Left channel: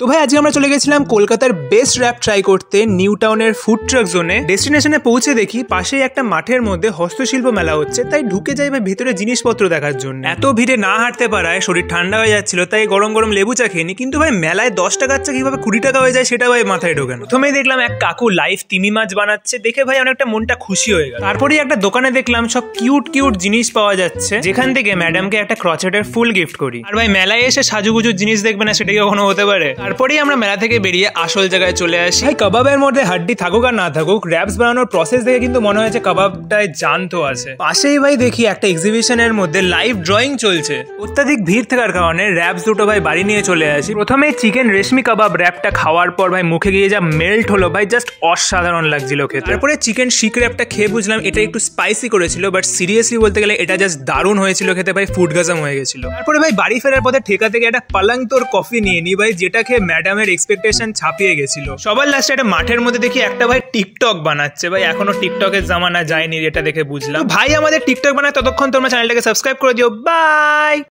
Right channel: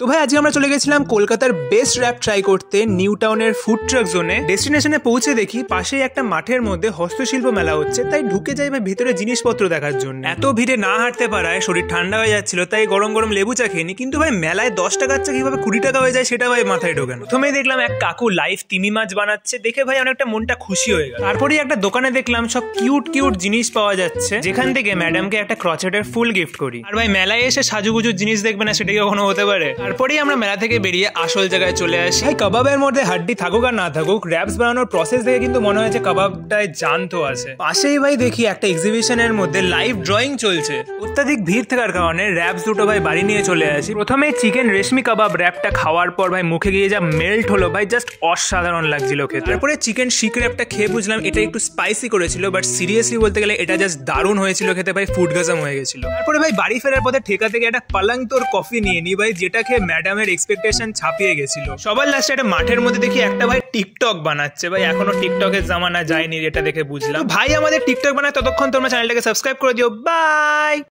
তো ভাই আজকে আমরা চলে গেছিলাম কলকাতার বেস্ট র‍্যাপ ট্রাই করতে নিউ টাউনের ফুড ট্রাক জোনে। ডেস্টিনেশনে পৌঁছে দেখি পাশেই একটা মাঠের মধ্যে হস্তশিল্প মেলা হচ্ছে, তাই ঢুকে যাই ভাই ভিতরে জিনিসপত্র দেখার জন্য। এত ভিড়ে না হাঁটতে পারায় শরীর ঠান্ডা হয়ে যাচ্ছিল, তাই গরম গরম লেবু চা খেয়ে নি। কিন্তু ভাই মেলায় 10 টাকার চা কিভাবে 20 টাকা হয়ে যায় সেটা ভাই মাথায় ঢোকে না। প্রথমেই দেখলাম এক কাকু লাইভ তিমি মাছ বানাচ্ছে, দেখে ভাই অনেকটা মনটা খুশি হয়ে গেল। তারপরেই একটা দোকানে দেখলাম সব কিউট কিউট জিনিস পাওয়া যাচ্ছে, যেখান থেকে ম্যাডামকে একটা ক্রচেটের ফুল গিফট করি। আর ভাই মেলায় এসে সাজুগুজুর জিনিস দেখবে না, সেটা কি কখনো হতে পারে? তারপরেই আমরা মেলা থেকে বেরিয়ে আসল জায়গায় চলে আসি। ভাই কাবাবের মধ্যে হাড্ডি থাকুক আর না থাকুক, র‍্যাপস বানানোর প্রসেস দেখে কিন্তু মনে হয়েছে কাবাবটায় জান তো আছে। পাশেই ভাই দেখি একটা এক্সিবিশনের মধ্যে লাইভ ড্রয়িং চলছে। অত্যাধিক ভিড় থাকার কারণে র‍্যাপস দুটো ভাই বাড়ি নিয়ে চলে আসি। প্রথমে চিকেন রেশমি কাবাব র‍্যাপটা খাওয়ার পর ভাই মুখে গিয়ে যা মেল্ট হলো ভাই, জাস্ট অসাধারণ লাগছিল খেতে। তারপরে চিকেন শিক র‍্যাপটা খেয়ে বুঝলাম এটা একটু স্পাইসি করেছিল, বাট সিরিয়াসলি বলতে গেলে এটা জাস্ট দারুণ হয়েছিল খেতে ভাই, ফুড গাজম হয়ে গেছিল। তারপরে ভাই বাড়ি ফেরার পথে ঠেকা থেকে একটা পালাং তোর কফি নিয়ে নি ভাই, যেটা খেয়ে ম্যাডামের এক্সপেকটেশন ছাপিয়ে গেছিল। সবার লাস্টে একটা মাঠের মধ্যে দেখি একটা ভাই টিকটক বানাচ্ছে। ভাই এখনো টিকটকের জামানা যায়নি, এটা দেখে বুঝলাম। ভাই আমাদের টিকটক বানায় ততক্ষণ তোমরা চ্যানেলটাকে সাবস্ক্রাইব করে দিও। বাই।